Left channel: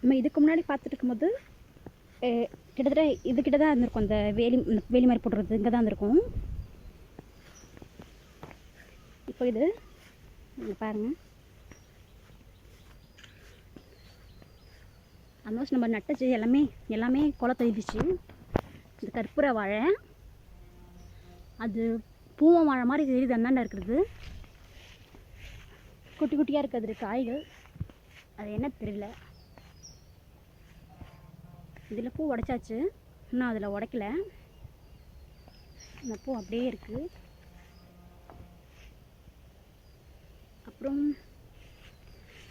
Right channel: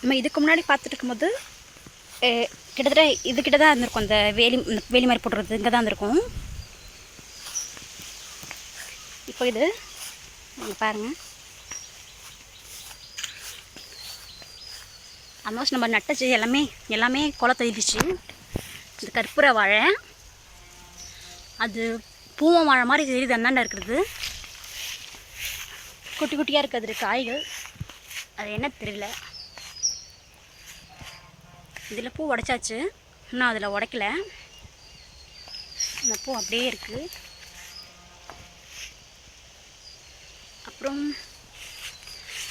நம்ம இதுக்கு முன்னாடி பார்த்துட்டு இருக்கும்போது கிட்டத்தட்ட இதுக்கிட்ட தான் இருந்திருக்கும். அந்த வேலி மாதிரி போட்டுறது இங்கே தான் இருந்திருக்கும். இப்போ இது பாருங்கள், ஆல்மோஸ்ட் நம்ம நட்டச்சு எல்லாமே குலை தள்ளிடுச்சு. இந்த கற்பூர வாழை அது பூவம் வாழை மாதிரி தெரியுது, அந்தாண்ட இருக்கிறது குட்டி குட்டியாக இருக்குது காய்கள். அது என்ன தெரியல. இதில் பூ உடைச்சாச்சு, இன்னும் அதில் உடைக்கல. இந்த பூ அப்படியே இருக்குது. அப்புறம்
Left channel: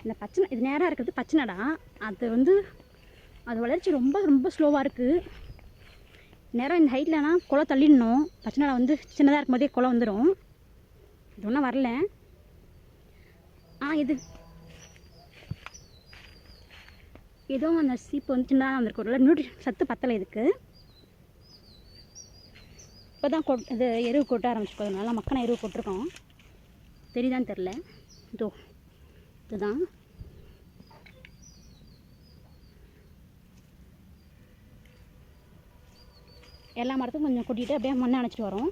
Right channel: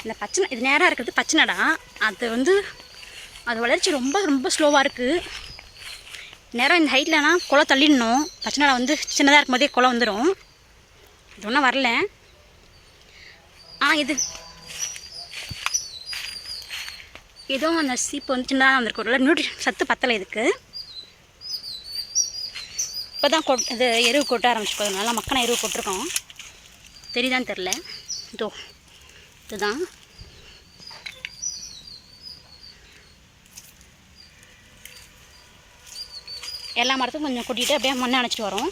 இந்த பச்சை, இது நேராக இருக்கிறது பச்சைனடா. அது வளர்ச்சி ரொம்ப ரொம்ப ஸ்லோவாக இருக்குது. நேரம் இந்த ஹைட்லனா குலை தள்ளிடணும். பச்சைனடா சின்னதாக இருக்கும் போதே குலை வந்துடும். இது ஒன்றும் வரல. இதுவும் அந்த சீப்பு சின்னதாக வந்திருக்கு. நியூட்ரிஷன் சத்து பத்தலை இதுக்கு. இப்போ தான் இது எருவு கொட்ட ஆரம்பிச்சு, நல்லா மக்கான எருவு கொட்டிருக்கோம். தெரியுதான்னு தெரில. இதுதான் எல்லா மரத்துக்கும் கொஞ்சம் கொட்டிட்டு அப்படியே மண்ணை அணைச்சிட்டு வரோம்.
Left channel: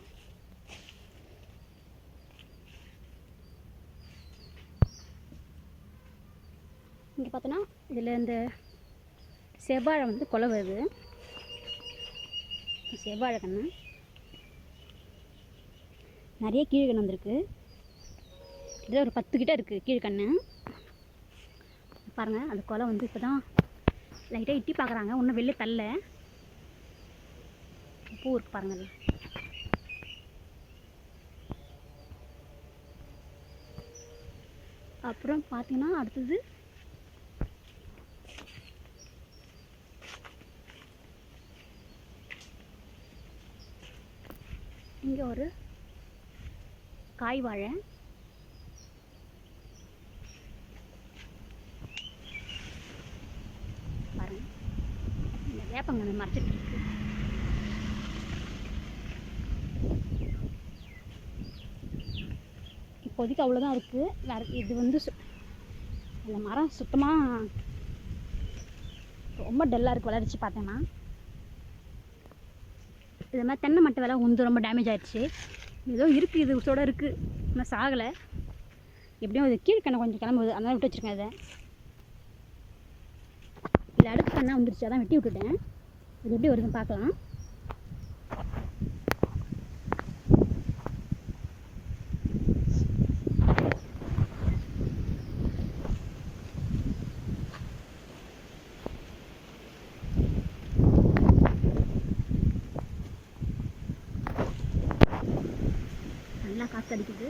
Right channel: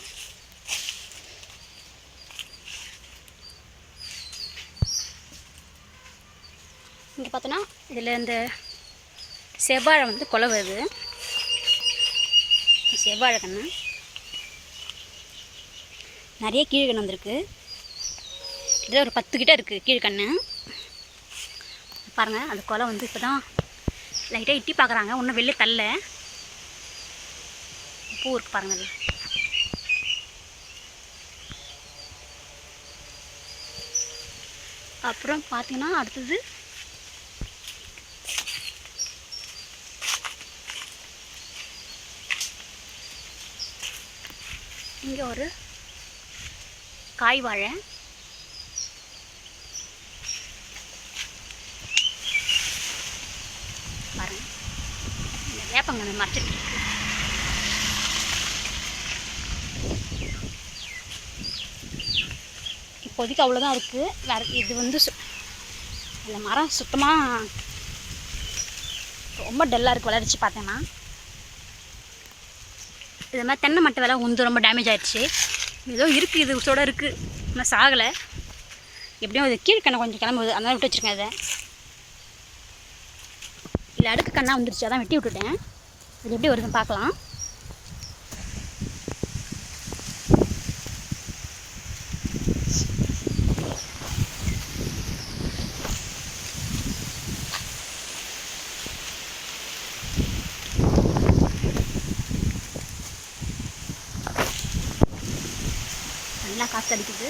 இங்கே பார்த்தோன்னா இதில் இந்த செவ்வாழை கொலை வருது. செவ்வாழை கன்று நிறைய கீழ்கன்று வந்திருக்கு. இதில் ஒரு 10 கிட்ட இருக்குது கீழ்கன்று. பாருங்கள், அது கொலை இப்போ தான் லைட்டாக இட்டி பார்க்குறாங்க. ஒன்றும் வெளியே தள்ள பூ இருக்குது பாருங்கள். அப்புறம் பார்த்தீங்கன்னா அடுத்தது இங்கே ஒரு காய் வாழை. பாருங்க, இந்த வேப்பங்கன்று மறைச்சிட்டு இருக்கு. இப்போதைக்கு அவ்வளோதான் இருக்குது. வேறு இது இந்த மரம் சுத்தமாக ரொம்ப டல்லாக இருக்குது. வளர்ச்சி பார்த்தேன்னா இது மாதிரி தென்னை மட்டை வேலை ரொம்ப டேமேஜ் ஆகிடுச்சு. ஏதோ இருக்குது, இது உசோட இருக்குது, ஆனால் சாகலை. எப்படியும் இது கீழ்கண்ணை கொஞ்சம் கிளம்புது, அதனால் விட்டு வச்சுருக்கேன். இல்லை அடுக்கு கண்ணா வந்துருச்சு, அதான் வெட்டி விட்டுட்டேன். இது எப்படி வருதுன்னு பார்க்கலாம். நல்லா காற்று அடிக்குது.